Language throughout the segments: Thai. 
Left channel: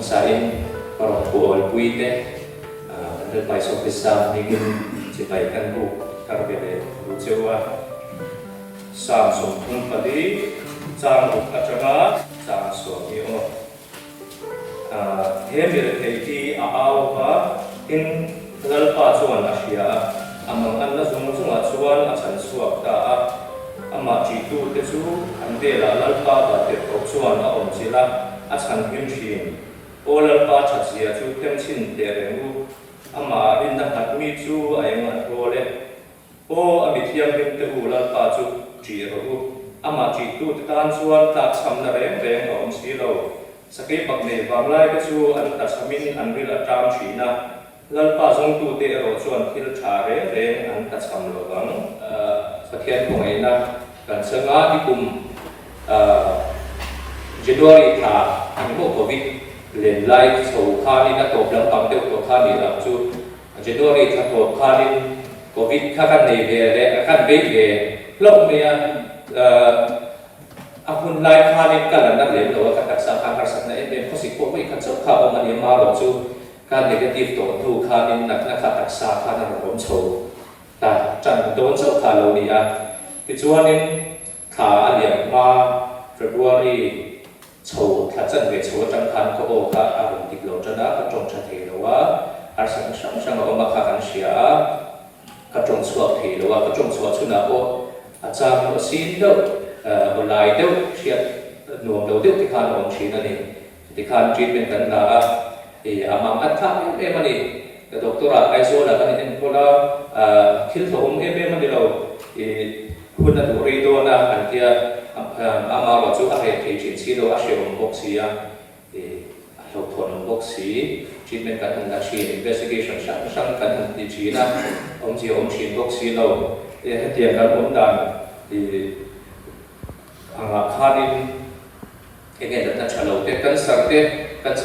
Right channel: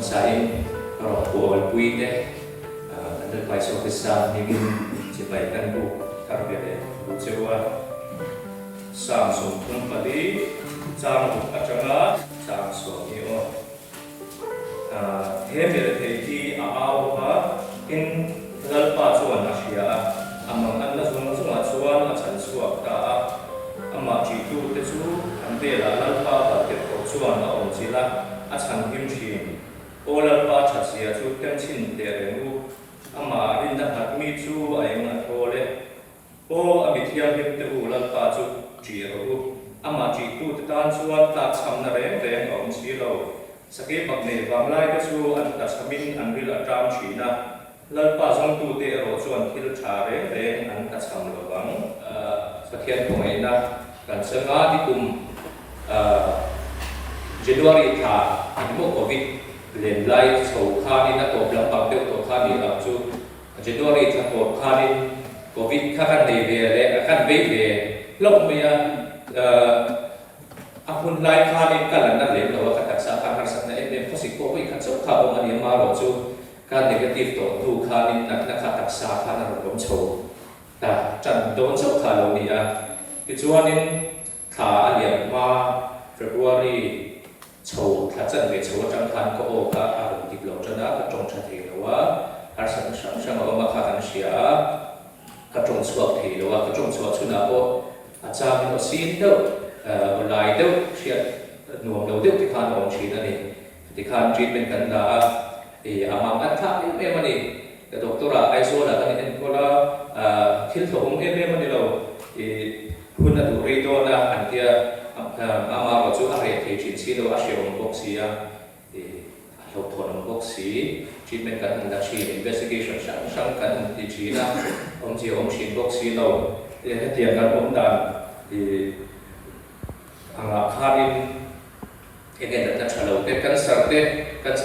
masain para buat puite dan pai so kisah mungkin sebaikan bu karbede rucewa sang so pun tadi sang kacana sang so iyo mere ti aaw pa in lalpa chuan asia amang anna zunga chuan asan suak ta ama chi tu te chu ande la lalpa ba te ko chuan a on chila a chan him thin o lalpa chasia chu kem chin te rengu ama in na hat mi chu ai ma role o a bithiam him te u lalpa chu chi ro ama chi tu te tan chuan ta cham na reng reng om si lo sakei bak ne wang lai te chu an ta samin an ril atam thina lalpa zong tu te ro chuan thil tha reng reng an ta cham lo wang pathian ko ngai na kan sanga di kum January tha an mo covid len lai so kha ni na to lam pang te to kha ni a chu January tha to kha ni covid kha kan nei ve le kan be ve lok me a hun lai kha ni kan na le lo ka tak sa kha sa na e ko si ko mai kan so kha o ma ni ma ro chu ka negative to thu kha ni nak na kha tak sa kha na rom cho ta chan don so kha lo ni a ki chuan in kha a liam ma February chou tha chan ve chou chang khan ko o ka a rom dik lo chana ka chong tha the lo wa har sang sang o ma kha kan sia ka chong suak the lo wa ka chong suak chuna o a chang o sin do o lai do sia nuam do de ti khan ong chi na ni ti khan treatment kan na e amang at tha e mani the doctora aiso la kan in ko la thil thom e mani lo e kuna du ri do na an tia ama wa chu a re the chin si do a sheu box ya e a lo thon box si treatment kan na chi investigation sang kan ti chi na om chi box si lo e tian kan om dan e anga khanin ene da chalo te kan sar te kan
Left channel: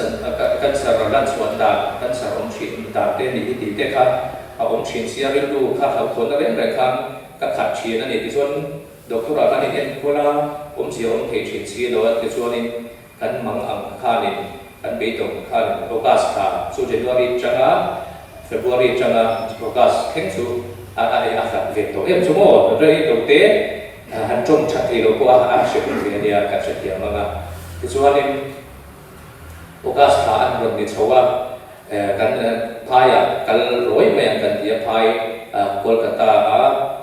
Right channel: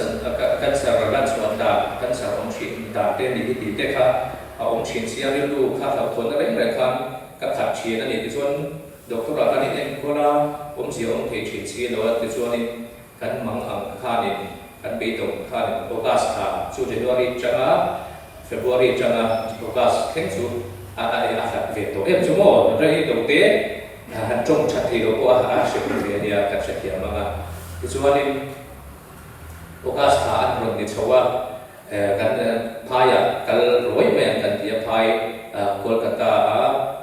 sar lan chuan da kan sar om chi da te ni ti te kha a om chin sia ri du kha lo thon da ren khan ka khat chi na ni ti chuan doctor kan ni en ko la om chi om the chin si lo ti chuan ni kan mang ang kha ni kan be tong kha ni focus kha chu January changa February changa focus khen chu a sa ve to em chu mo re to te han chong chat thi lo ko a she ni dia ka che ti ma nga ti chuan ni focus kha an ron ni chowa kan phaya kal roi me kan dia phai Kolkata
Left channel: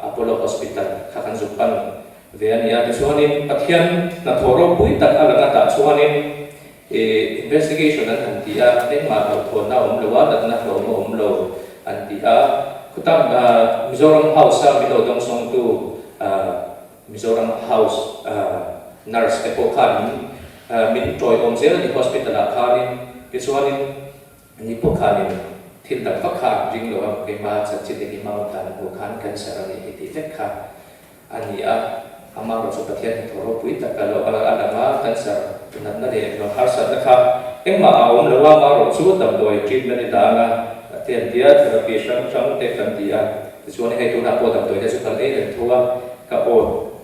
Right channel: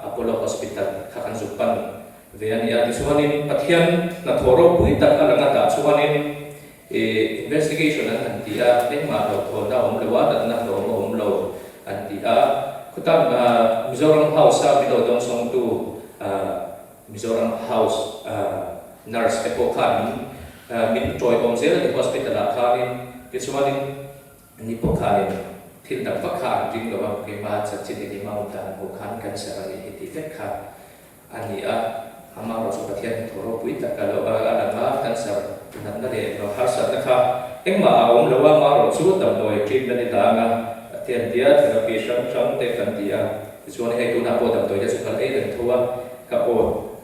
Apollo Hospital khakan zupan veania ti chuanin pathian na thoro pui tak ala ta chuanin investigation an tia ma ro thona omlowa dat na ro omlo an tia kutang Mizoram House mi do dong song tu Mizoram House nurse epokhan min troi om zel ni hospital a khanin ti chuanin ni pokhanin thil tak kha ring lo ke ma cha chi ni ma ta na ko khan cancer ani ti tek kha ani a ama ro so pathian thoro pui tak ka lo ala ma cancer nan na de no har sa na kha engma a om lo wa ma ro chu tam doi treatment ni da na tian dia therapy sam te kan dia chu ni he tu na ko tam doi de chu kan e den thua ka o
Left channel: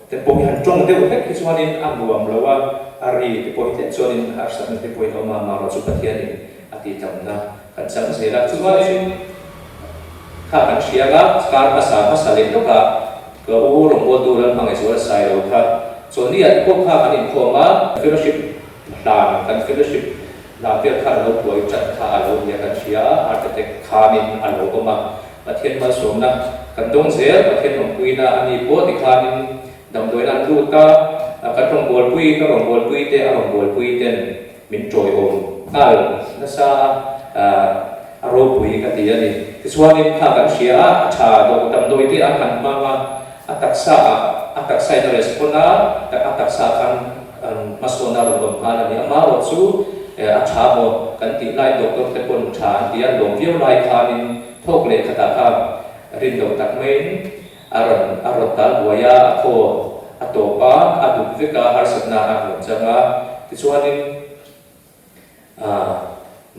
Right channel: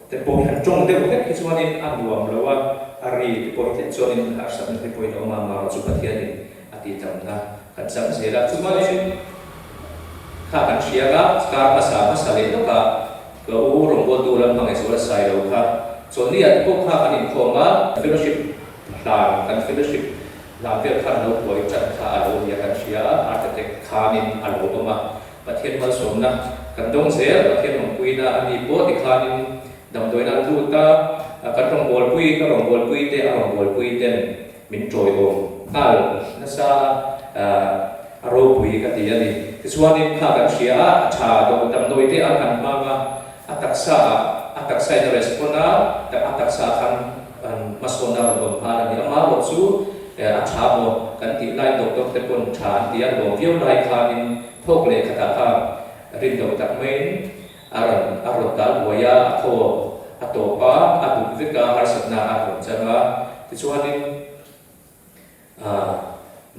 te po han chong de ke chu ni am ruam lo wa ari te po te chu ni har sa te po no ma ro chu pathian ni ati tam na kan sang se la chu wa ni kha kan sia ga kar asa le no ka ka u ro bo tu ran mang so sai lo kha so ni at ko kha kan in khoma fellowship dan kan fellowship la pe kha lo boi chat kha alo ni kan sia architect kha min alo ko ma pathian ma som na kan dong zel pathian long pui na ani po ti kha nin dam doi nan tu ta kan rong bol pui te a rong bol pui ten min troi om al na sa aro pui ka ti ani ti chuanin kha kan sia tha do tam doi te a kan ma ataksa na respona ta ataksa kan masona ro kan ani ama ro chu a tha mo kan ti lai doctor te pon tha ti a long view lai khanin thok le khata kha rin do tak main aron tal boya tho atopa adu veka har satna aron changa ti chuanin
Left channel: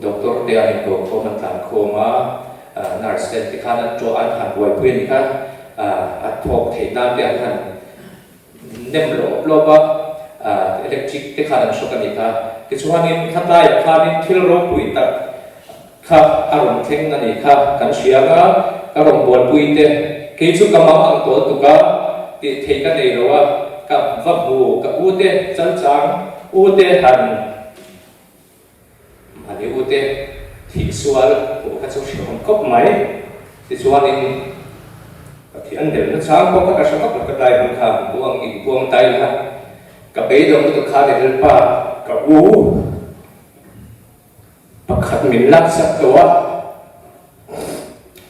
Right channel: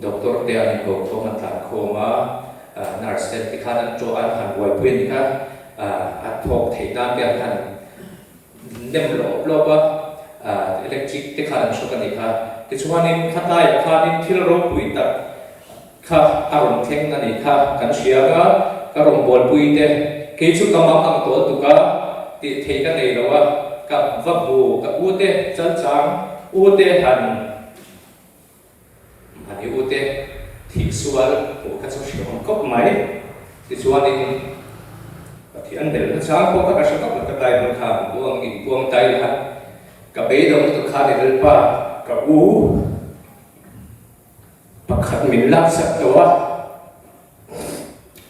doctor te ani ko man tan khoma nurse te khan cho an han boi pui ni kha a thok the nam te an nem lo ba electric ที่ขาดช่วยกันอีกครับที่ช่วงนี้ขัดไล่ขาดที่เราปุยตัดครับอารมณ์เท่งนั่นอีกครับกันเชียร์ก็อารมณ์บอลปุยเต้กิจกรรมอังตัวตุกะที่เทกันเองเราว่ากับวับบูกับอูเต้จันจังอูเต้หันอันนี้อูเต้ที่ส่วนผมก็จะเชื่อมกับไหมที่ส่วนนี้ที่อันเดียวนั้นช้างผมก็จะชอบกับได้บางครั้งบวงอีกบวงไตละกับเบย์ดงตุกขาในเรื่องป่ากับอูปักขัดมินลักสักตัว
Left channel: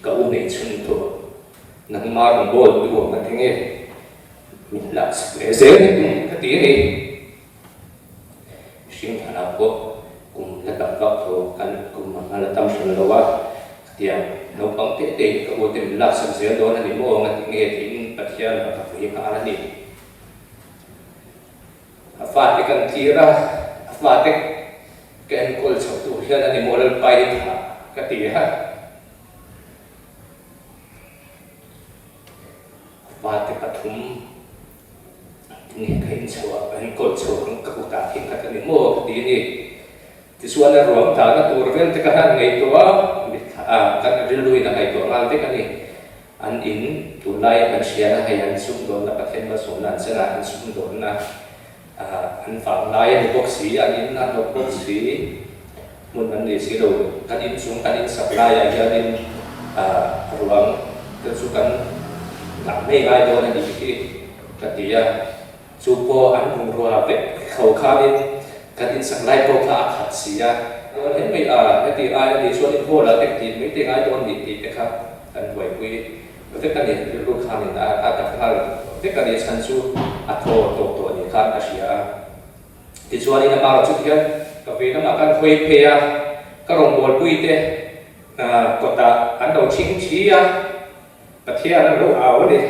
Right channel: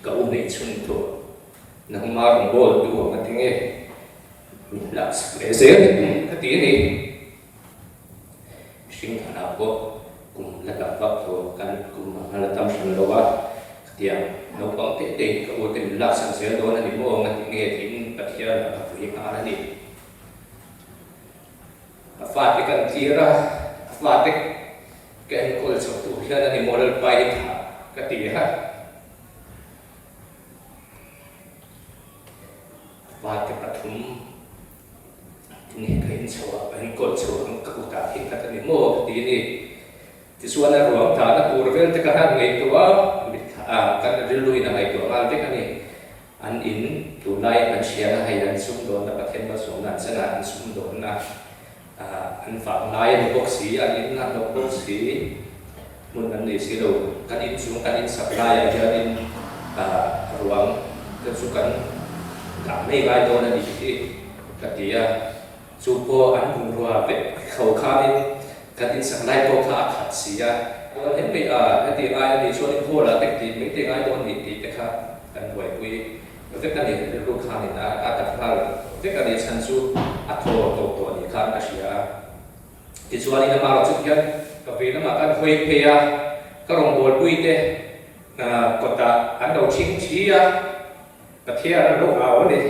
กับอูในชุนตัวนักมาถึงโบนตัวกันที่นี่มินลักสักเสียนี่ก็ตีนี่สิ่งที่เราก็กุมระดับวัดตัวกันกุมมาระดับชั้นระดับเดียวเราบังเตะกับอูที่มินลักสักเสียตัวนั้นที่โบกันที่นี่ที่มินปัจจัยนะครับที่อะไรนี่ฟาดกันทีระฟาดแกนโกลสตุเฮียนันนิโมเลไปท่ากติฮะฟาดกระทุ่มนี่เคยชัวเป็นโกลชัวของกุตาทิ้งกันนิโมดีนี่ที่ส่วนนั้นรวมฐานตัวเรื่องที่กันในตัวกันเรื่องลุยในตัวงานที่กันนี่อันอินตุไลกันเชียร์ให้อันสุดโดนและประเทศมาส่งนั้นเสนาอันสุดโดนนะอันฝั่งนายในพวกสีอันนี้นั่นพวกสีมุนอันนี้สีเรากันอินสูงกันอินสับลายอย่างเดียวอินรวมกันสุกันหลังไม่ลายตัวนั้นอีกที่กันที่ซูโปอันมุนรัวเป็ดเขาข้านี่กันอินสับลายพวกข้าขัดเสียเห็นไม่ไม่ตีลายในส่วนที่พวกเราเด็กตีไม่ตีลายตัวนี้ตีนะครับกันไหวคุยแล้วกันเนี่ยลูกค้าเนี่ยอาจจะพลาดแล้วกันเนี่ยฉันสู้อัดโทตัวเนี่ยครับอาชีพที่ส่วนนี้มาเราจุดยังกับเวลามาการคุยเพียก็ลงบอลคุยเต้ก็ตาอันเราชิงชี้อ่ะกับเที่ยงเราเอาเลย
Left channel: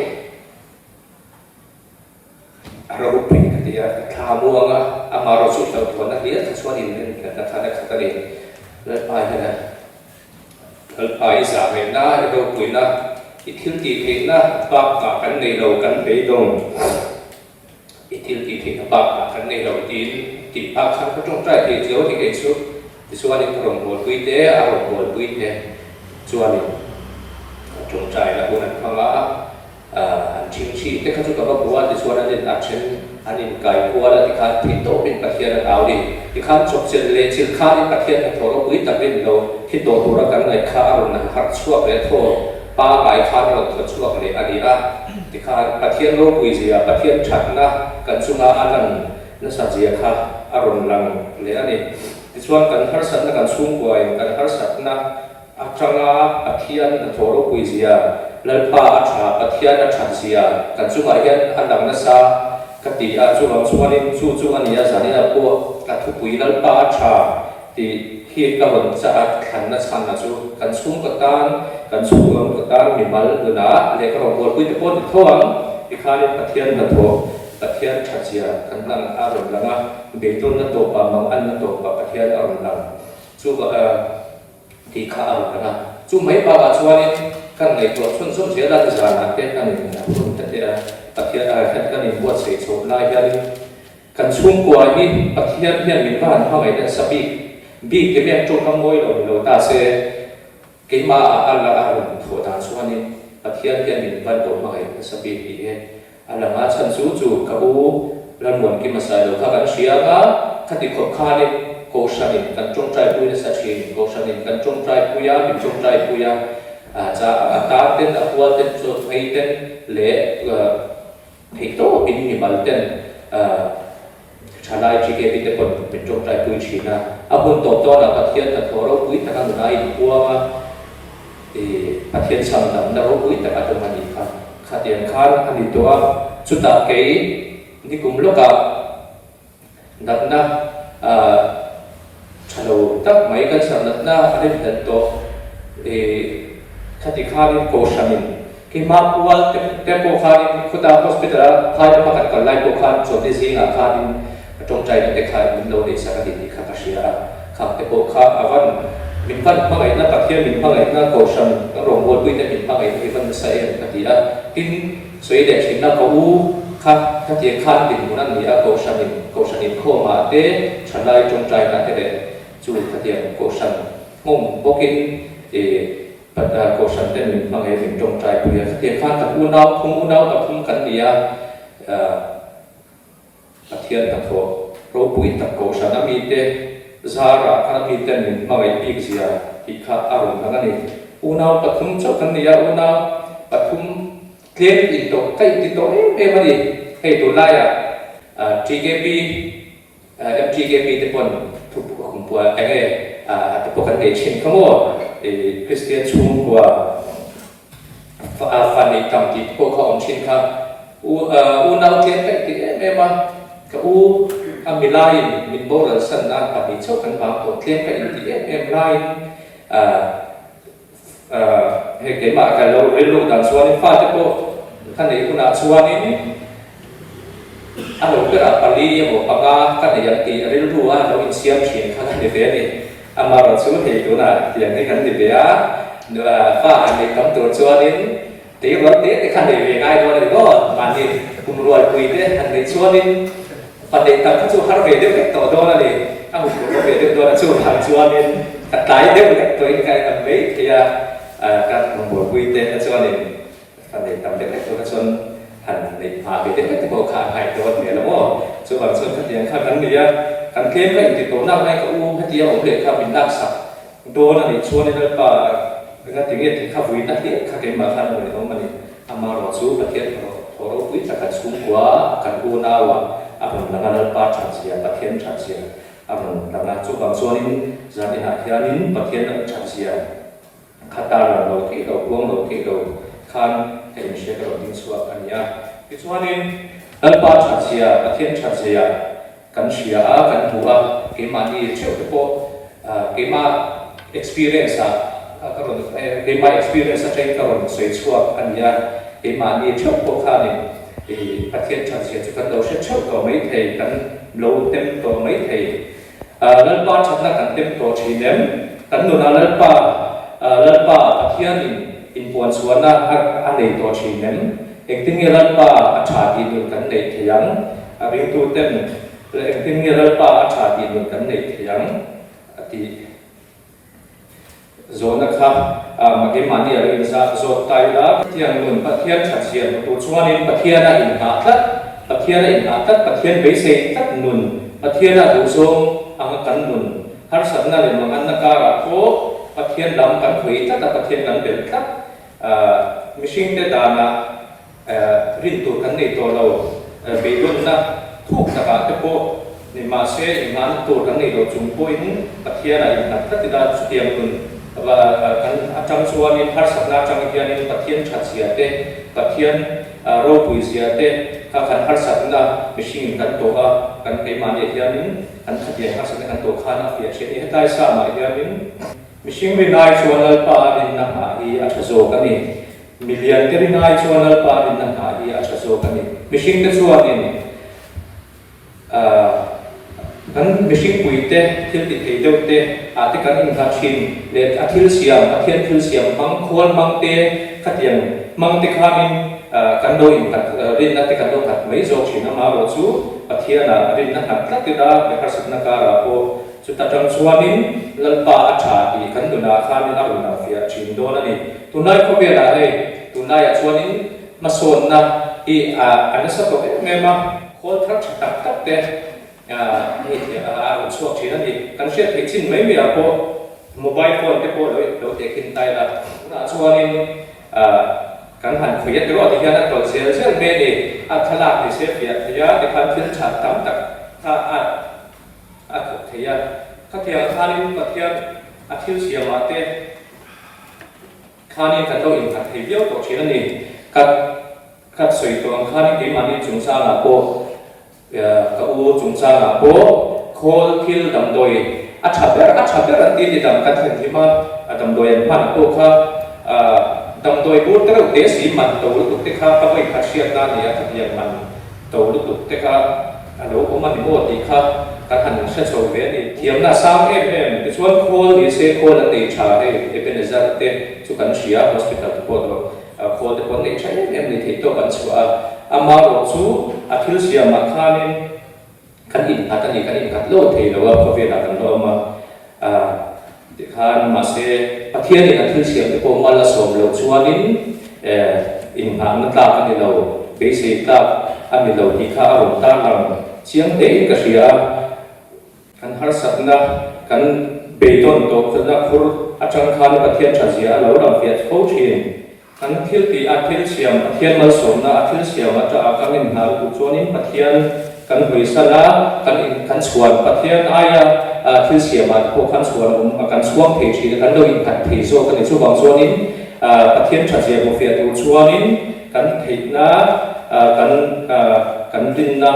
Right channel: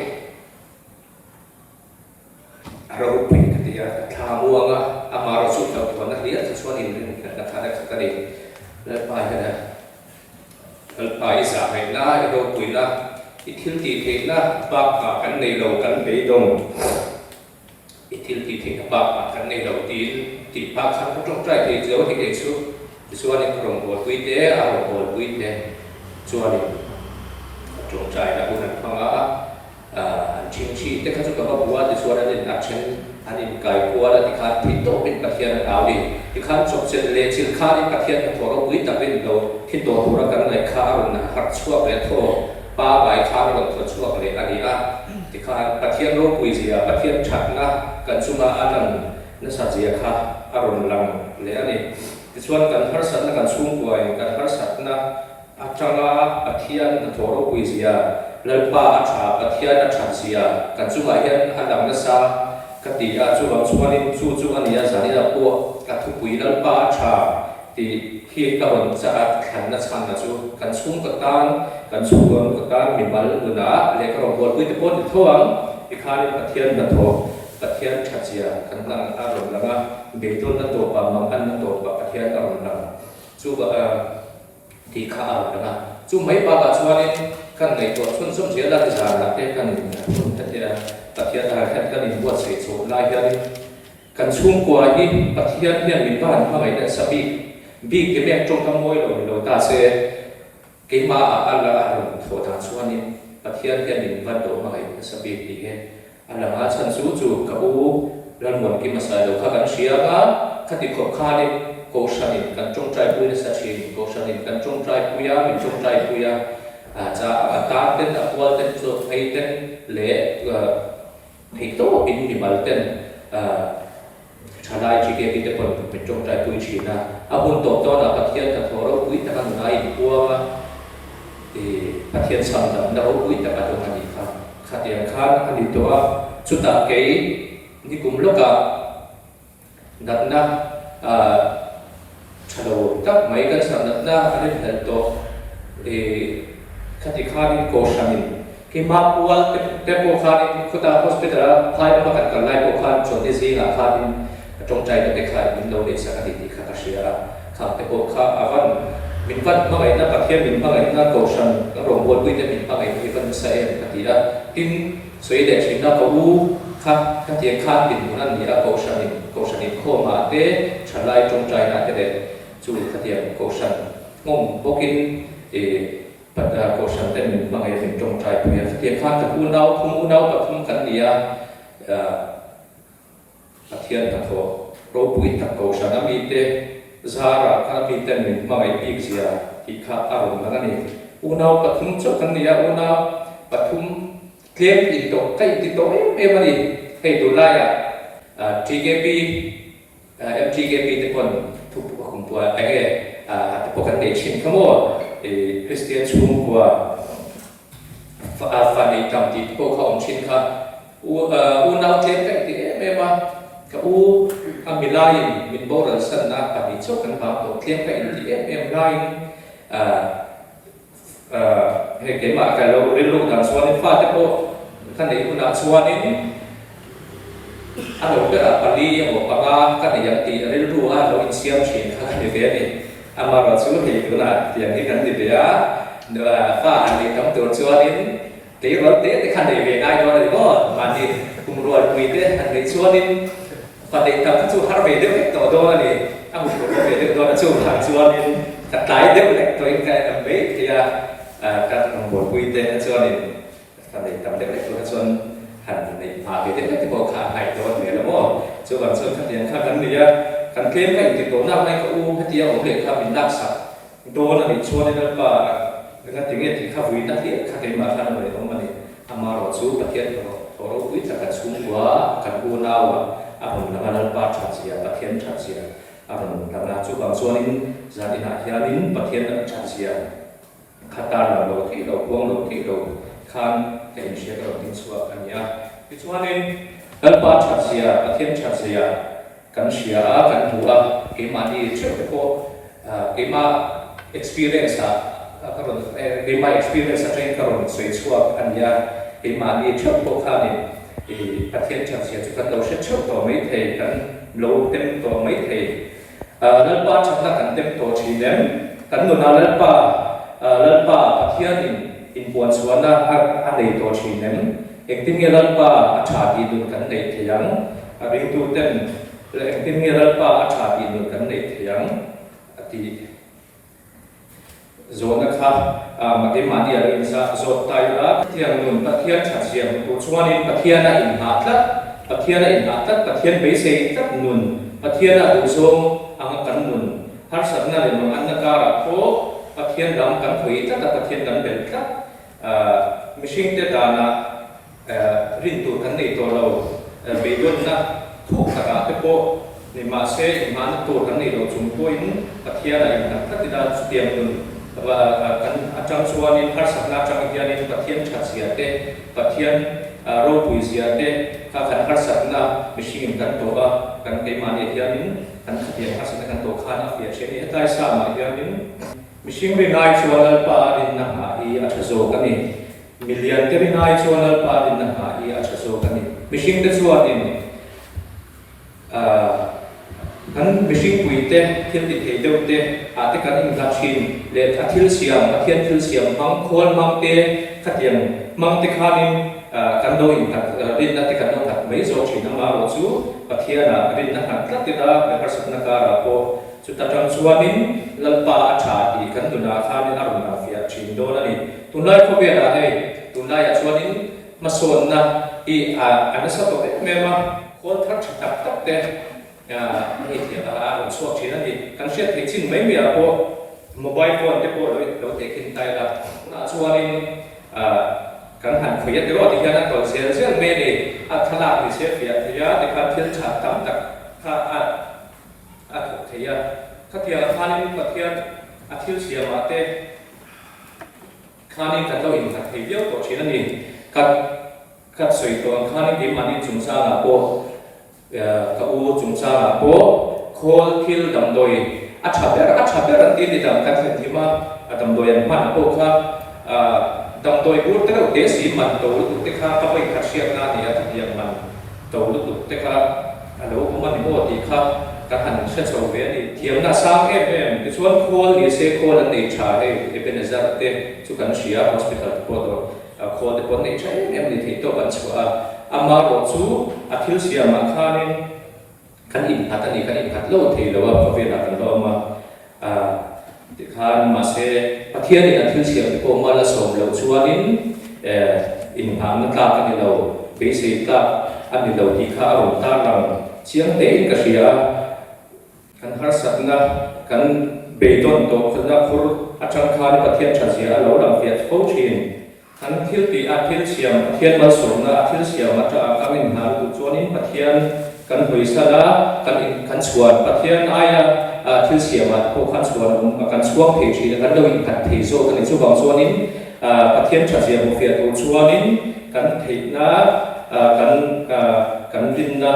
เราไปกันที่ข้าวม่วงอ่ะมาเราสุดเราตัวนักเรียนส่วนนี้เนี่ยนะครับนักขัดเรียนเลยไปนะไปสามเดือนนะเราคุยนะอีทิลตีเทนะปากกันในเรากันไปตรงอีทิลตีเทนะปากกันในเราตีปากขันก็ต้องใจที่เจ้าที่เกิดสุดที่ส่วนนี้เราบวชคุยเตะเราบวชคุยเตะส่วนนี้จงใจนะบุญนั้นฟังว่าอันจริงชีที่เขาจะกำลังบวชที่ส่วนนั้นเป็นอาชีพอันนี้กายบวชแล้วที่เขาที่โตเป็นปัจจัยเราดีที่เขาจบเสร็จเรียนศิลป์เขาเป็นปัจจัยเราโทรคุยแต่เป็นเราที่โตตัวกันในข้าวนั้นหัดชั่วไปโทษป้าหลายครั้งเราทดสอบเลยอันนี้นะที่ข้าประเทศโลกวิเศษประเทศชัดนะกันสุมาอันนั้นนั่นสัจจะข้าอารมณ์ลังเลยอันนี้ที่ส่วนกันหาสัตว์นะกันสุ่มกวยกันหาสัตว์นะอัจฉริยะประเทศนั่นทั่วโลกวิเศษแล้วป้าอัจฉริยะประเทศนั่นชัดเสียกันสุมาเห็นอันนั้นนะซะกติอาจุบันสุวรรณจุอันนี้สันนิษฐานพวกกันทุกปีแล้วป้าอัจฉริยะที่ที่กำลังจะขันนักสันนักสู้กันสุ่มกันสุ่มกันตั้งมีมาลดูนะเล็กเราบวชคุยตะโกนท้องที่ข้าเรียนประเทศนั่นทั่วประเทศชัดเจนกันตั้งอารมณ์แล้วนะเด็กต้นนั่นตัวปามังอันนั่นตัวประเทศอารมณ์นั้นสู้กับที่ข้าอารมณ์นะสู้ไม่ปาช่วยกันในตัวชนสมเสียแล้วจะนะเด็กกันนี่นะชนแต่เดียประเทศอะไรกันนี่บวชเสกโฉมลายยันกันชุ่มกว่านี่ประเทศเนี่ยมีบ้านเข้าไปในสปีบีเก็บยังจงทำมวยเราตาเสเกี่ยมาอันละอารมณ์โถทางส่วนนี้ประเทศเนี่ยมีบ้านโดนมาให้สปีดีเองอันละมาฉันสู้จูกับอูรันหมวนกิมาสายเราถ้ากันเชียร์กันขัดขบขานี่โกชันิกันจงใจปุยในสัจจิโกชันิกันจงใจปุยาจงใจปุยาจะตาเต้นอัวเต้นสุดให้เต้นเละให้โตอินนิมัลเต้นชาลายจีเกติเตปนเป็นจงใจปุยชีนะอาบุญตบตัวนะประเทศตะโถเราปุยตะกันไหนปัวมาประเทศสังดำเราปุยตะกันตรงนั้นอีกครับขัดยังข้าอันนี้ตัวสุดท้ายนี่กลุ่มลูกกับนักนะชาโลตักไม่กันสังนักนะอันนี้เป็นตัวขัดข้านี่โกชันินที่มาปัวเต็มโกขานี่ขุดาโฮสพิทอลพายมากันกันไล่โกขานส่วนที่สี่นะขานี่จงใจกันเด็กขาเป็นโลเดสักดิที่ข้าเชียร์ข้าเต็มโกขาอาวันมินฟันพังไอ้นั่นประเทศมินพังไอ้นั่นโกชันก็รวมบนวิธีมินพังไอ้ที่ฟันใส่กันที่ทิ้งสวยเด็กชินนะกูข้าที่ข้าดินนั่นนี่โกชันโก ทั่วมาเต้ฉันไล่จงใจนักเด็กจุดเทียนโกชันงงพวกกินปัตตาโกชันเต็มบางเหตุจงใจเพียงเทียนข้างกับอุณาวคงอุณาวกับทุ่งกันเดียเทียนทั้งทั่วรูปุยตะโกชันมีเตซาระข้ามีเต็มบางเหตุปีกเสียที่ข้าอารมณ์นั้นนี่อุณาวกับทุ่งเจ้ากันเดียอุณาวกับทุ่งเคลียร์ติดต่อใกล้ติดต่อมันดิให้ดูไล่GKP MGKP ที่คนทุกคนตัวไอ้ทุกคนเด็กเช่นขโมยคริสเตียนชูงกว่าฟันในกำที่พวกเขาองชินครับนาวเทียนไปที่เมื่อมากับมีไลน์มีโบราณสันนะแต่มีชอบกันบางตัวเทียนไปที่ไลน์ให้เกิดมาแต่เราเรียนรู้จากส่วนนี้ฟ้าที่พวกท่านในคุณาส่วนนี้อันนั้นก็ปารีบอกปากากันอย่างที่เรารู้ว่าเราอินเสียมเชียงข้างในเฟซนี่อามาเราสู้ที่ตัวนั้นอย่างที่กันดีเดียเนื้อฟ้าอันนี้คำตัวส่วนนี้ที่รถเด็กขันในเวง่ายตัวนี้ก็มันนี่คุมรวยคุยเด็กขันในส่วนนี้ประเด็นตั้งที่สู้ฮาร์เวย์เด็กตัวโดนเลยถ้าบุกฮาร์เวย์เด็กตัวนั้นสู้ทางส่วนนี้แต่ตายเด็กตัวเองใครทำไม่ที่การคุมรวยคุยเด็กส่วนนี้ประเด็นตั้งเด็กตัวส่วนหันในมาเด็กที่บอกขาดหายตัวเนี่ยแล้วก็ส่วนส่วนขัดแย้งข้างนั้นเนี่ยขันเข้มไม่ติดตัวน้ำในกับขัดแย้งของเด็กข้าเป็นนักสัตว์ตัวนั้นในช่วงนี้เราเป็นถึงที่ข้าวิ่งนักเรียนขัดแย้งมาข้างนั้นเลยของมันนี่อามาเราสู้ประเทศเราวิ่งจากการสู้กว่าการกู้นาวอาเป็นนักการปาชาเสียประเทศชาเสียอาเป็นนักการสู้บางส่วนนี้จะเป็นนักเรียนประเทศชาเสียขัดตาเราที่เราพวงเราที่เราข้างเห็นเชื่อเราดิ้งสวดกันยาที่ส่วนนี้นักปาชาเสียประเทศชาเสียกันเชียกันหัวเกี่ยมาที่เชื่อไปพวกเกี่ยมา experience ก็รู้เกี่ยมา experience ใช้ก็รู้สวยสวดกันยาเกี่ยมาที่เชื่อพวกข้านี่ประเทศชาเสียจะกันเราเชื่อตัวไม่เท่กันเราเต็มตัวไม่เท่นักปาชนะกันเต็มตัวชีเนมกันดูนักปาประเทศนี้อินปวนส่วนนั้นอันใดตัวชีนั้นเองที่มีรัฐบาลอาชาติดุกันในเทียงเรื่องตัวเต็มเองที่มีรัฐบาลอาชาติดุกันในเทียงที่โซนนะครับมาเกี่ยมันเนี่ยเรื่องจากโซนไทยละที่ยังนุ่นประเทศชาติเสียงตัวส่วนนี้ประเทศนั้นอินหาตัดประเทศนั้นอินหาตัดประเทศเบสิกตัดนุ่นประเทศนั้นดูทรงอังกันนุ่นฮาร์สันนั่นเรื่องอันนักการะโคประเทศดำกันคุยตัดประเทศดำเด็กตัดมิชิงเดดานะรินตูกันในตัวเราเบดุนนะทุกตะการเตโปในมาเซในมานุตัวกันในเราจุ่มป่วยนั้นประเทศอะไรอย่างนั้นก็จะได้สุดยอดนุ่นว่ากันอาจารย์ส่วนนี้ฮาร์สักนักจังเกียร์นี้ประเทศชัดเสียเตประเทศโรบุยเสียเตถ้ากันฮาร์สักนักมิชิงกันตัวกันในมาเนี่ยเกียร์นี้กันขัดแย้งฮาร์สักนักกันตัวข้านาเฟียเช่นนี้ได้สามารถเกียร์นี้มิชิงวินัยชวนนัลปาดินนักหาอีอาชโซกันนี่มิเลียนเทวินัยชวนนัลปาดินนักหาอีอาชโซกันนี่มิชิงเตชวนนี่กันมิชิงปุยเตที่ติดเดียวเตอาทิกันอินกัดชิมเล็บอาทิลเสียมอาทิลเสียมมังควรมังเตขัดยังมังเตขานินกันโดอินกัดดินนักเตกันโดขัดไม่จบชินมาโรจูอาทิลนะดินนักขัดกัดติดาเบคาสิกนักการะโกสุดท้ายจังส่วนนี้ลัลปาอาชาดีกันตุนาข้ามินารุนาฟิอาชินโดนนี่ตุนายก็เวลาให้ตุนายส่วนนี้มาส่วนนั้นอันนี้สักตัวเมื่อมาโคตรทักษะตักเตะนี่ส่วนที่นั่นนี่กันเชื่อที่จริงไม่มีอะไรโมบายโฟนที่พอเราเทคินไตละส่วนนี้กันหันคุยกันตลอดที่นั่นตัวเสียเมื่อนี่ขลาดที่เสียที่ยาที่ทำเชื่อชาติตั้งแต่ถ้าเทียข้าเทียข้านินประเทศอาทิตย์เสียมาเตะข้านินกันตัวอินทัดเทียวตัวเช่นนี้กัดสวยตัวข้านินที่มันนี่จุงซาลาโบกับจุงซาลาโบโคลคิลดำโดยอาชาเบอร์ที่ดำกันที่มาดำโดยมันโตข้าดำโดยบูตรเดสีมันตัวลุกเตข้าก็ไม่ขาดเชียร์กันเนี่ยขัดยังมันตัวลุกเตข้าอันนี้ผมมันโบตีข้าการหันเชื่อโชว์เวนี่เทียมน่าสร้างเองในส่วนโคลนี่เซโคลนั่นเองชาเองเป็นเซอร์เตสุขันเชียร์ hospital โคลโคลที่คนนี้ใช้เองในที่ตัวกันชัวอามาโรซูอาทิลเซียมาคานิน kan in hat ani kan in hat lo thei lo wa phovela kan lo ma khan ma se pathian in athil siam te ko mala som lo chuanin in ha na ta kan lo be se ta ani lo hi kha aron ta lang chiang te ka ria kan har satna kan beidon to khna khur achang khan pathian chazia lo ram fiat fo thin kan thil ti athil siam pathian mal som na athil siam ata kan in ha lu chuanin pathian kan huisala kan chuan pathian aya thil siam at ko kan chuan kan chuang thei thi kan lo in phat thei zo kan chu bang chuanin pathian chazia mo fiat u chuanin kan theina kan din na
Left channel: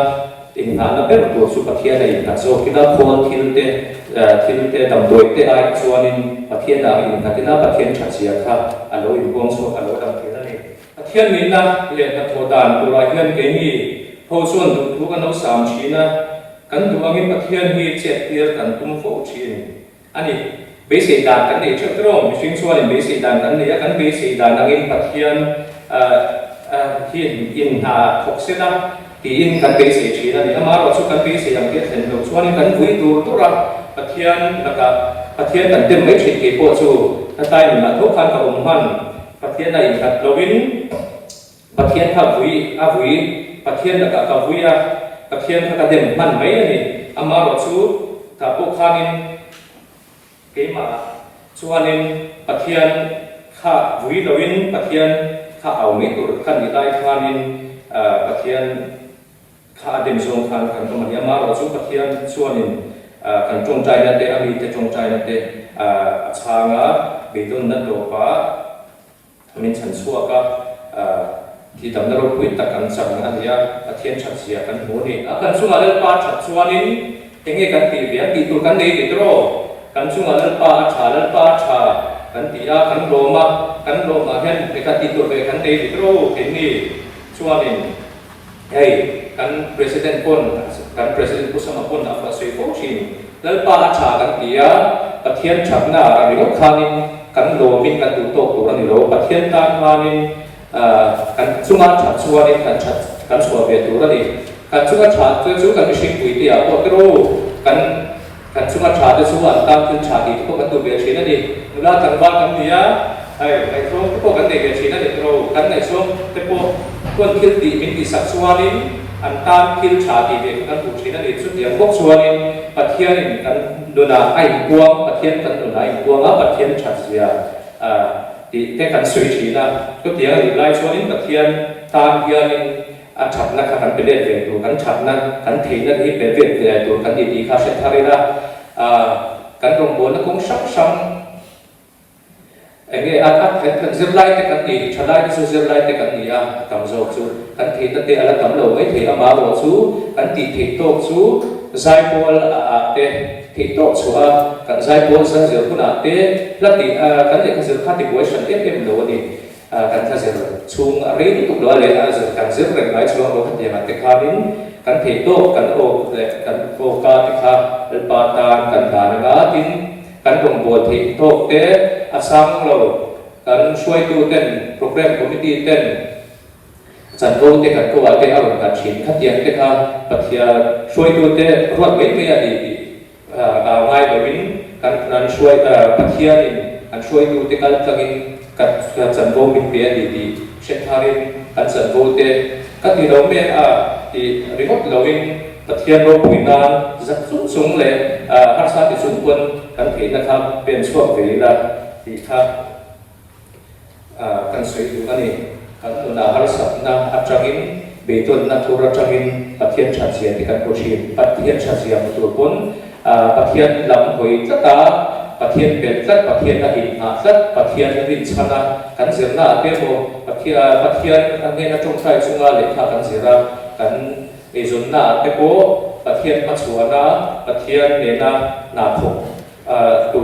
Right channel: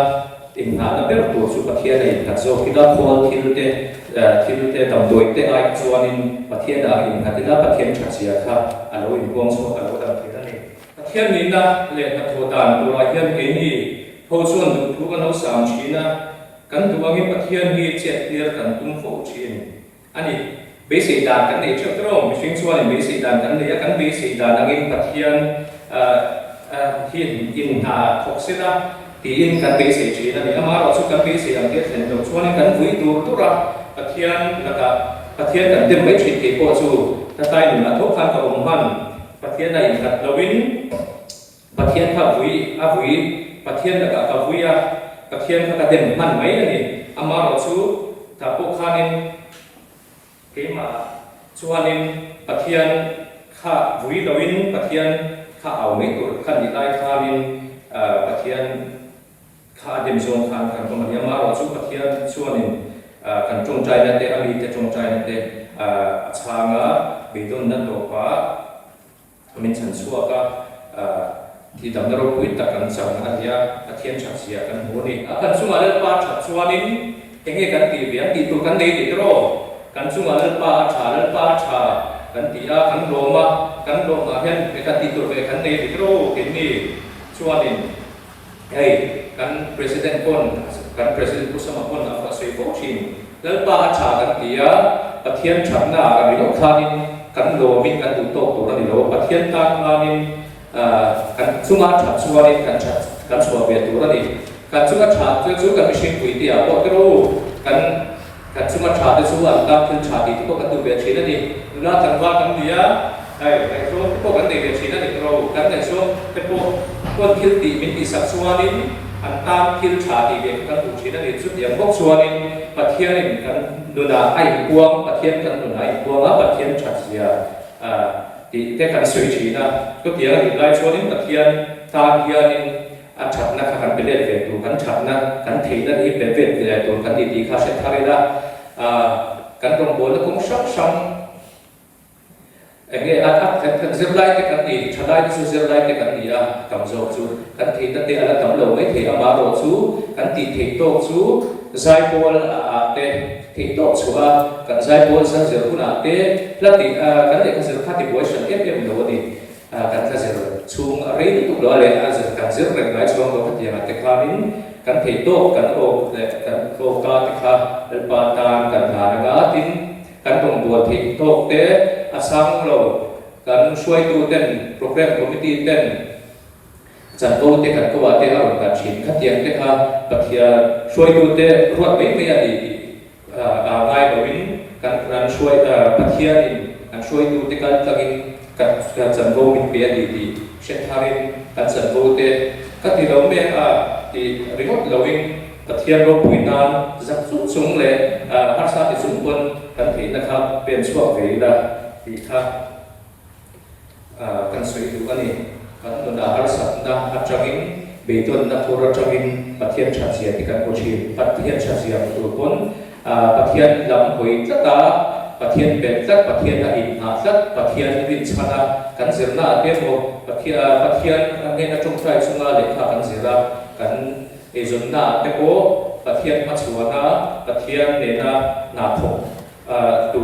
in ha na ber to su pathian nei ka zo kina khon thil te dam doi te ai chuanin pathian a in ha tina pathian chazia kha alo in bong so alo dam thei na ni pathian ni na le na tho dan tu lai hian ke ni ho chuan thu kan lo sam china kan duangin pathian hi chet clear kan tum fo chin ani basic dan kan nei chak rom mishing chuan basic dan kan nei kan basic dan angin pathian hi in ha thoksela ti in kan basic china ni ama ro chu kan basic ang ke then lo chuan kan vui tur tura pathian laka pathian kan tem mai thik ke po chu ta tai ni ma tho khan ka han pathian na in hat lovin pathian tha vui a vui pathian laka ka vuia pathian ka dem man mai ani ama ro chu ta po khanin ke ma chuanin pathian kha vui lovin pathian kha au mai tur kan ni dai khanin pathian kha dem zong khan kan ko mania ma ro chu pathian chuanin kan chung chai na te ami te chung chai na te changa beidon na to pa min chan suaka thì tầm đó rồi ta cần sắm anh ya thiên chặt xia cần mua đi cần xuống ở pa chặt xuống đi cái nghe cần tìm việc đi tu cần đi thì đó cần xuống ở pa chả cần đi cần Roma hiện để cần đi tu về cần đi thì đó cái này xuống đi hey cần president Bush mà pon là phải phô chin lên pa chả cần đi thiên chặt na cái đó khanin cần đồ mình cần tu tốt tu anh đó thiên ta khanin kan chunga chat chuanin kan chua ve tur ani kan chunga chat chu kan mishing pui ti a po tro kan chunga chat chu an tam tin chat ti ko kan tu ve thina ni la kan wa kan dia ai so ko kan ne ve thina ni tro kan nei so te po kon thil ti min ti sak chuanin an tam thil chat ti ve kan tu thina ni chu tiang bok chuanin pathian kan duna ai kuang pathian kan duna ai kuang a pathian chat sia thì cái cần suy chỉ là cái tiếng thì lại cho đến pathian tam hiền chặt na khăn cái đề về tụ cần chặt na cần thấy na đi về về tụ cần đi khá sẽ thay ra cần đồng bộ nó cũng sắp xong anh ấy cần dừng lại cái cần đi chặt lại cái dừng lại cái cần đi tầm dầu chú cần thấy na để là tầm lâu ấy thì mà rồi chú cần đi thấy tốt chú giải bol để thấy tốt chú cần giải bol ra giờ cũng là để là thì cần để cái giờ phát thì buổi sáng tiếp em lâu đi cần cái giờ chung rồi lúc đó lấy giờ cần giữ lại cái chung đó thì mà cái khai đến cần thấy tốt cần ô ca thì khai để ba tan cần thà là tin cần đồng bộ thấy tốt để sáng lâu cần xuôi tu tên program committee tên chẳng vô thì cần câu hỏi thì ở cần chuyển phát triển cái pathian xuôi tu thế ruột mấy người thì lai đầu in cần xuôi pathian cần xuôi tu thế cần chẳng vô mình biết thì sẽ thay cần chẳng vô thế các cái đầu men thì remote đầu in pathian rồi bùi nam giặc rút súng lên hát sát thì xung quân cần thấy là khác bên xuống về là thì khác cần suy tu cái này cần là hai sát na hấp changin beton na thura changin pathian chazia thì cần có gì pathian chazia một tuổi bốn pathian làm hồi tất cả pathian bền tất pathian là hình hạ tất pathian là hình chana cần diễn là demo pathian anh em trong trái sung là lệ khá cần diễn ra cần ezon na tepo pathian machuana pathian nena na tho tu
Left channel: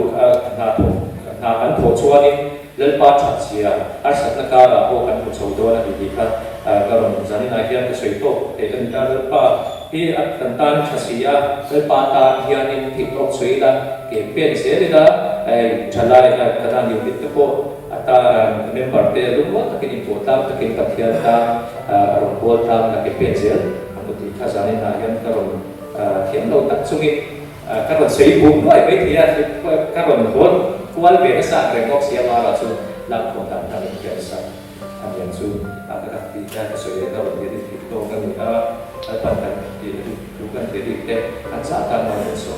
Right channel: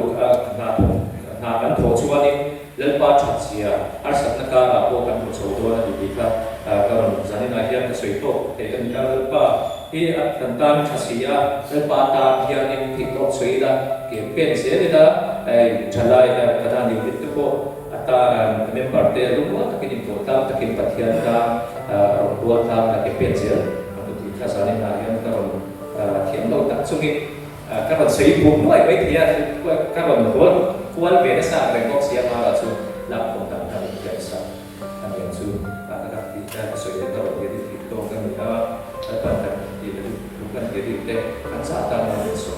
na kan tho chuanin lelpa chachia arsat na ka la ko kan tho chawdo na di ka karon zani na hian ka sei to ke kan ta lelpa hi at kan tan chachia lelpa ta hian in thi to sei la ke pen se le la chalai na kana ni ti ko ata member te lu ta ki to ta ta ki pathian ta ro ko ta na ke pen se khazane na hian karon lâu tắt chung đi các bạn xây bùn nói với thì các bạn hôn quan về cái sao về ngọc xia mà là chung làm công tác làm việc sao làm việc chung các thì ra cái sự kiện đó về thì tôi cái người đó tại thì lúc cần cái gì đấy anh xã tăng vào một số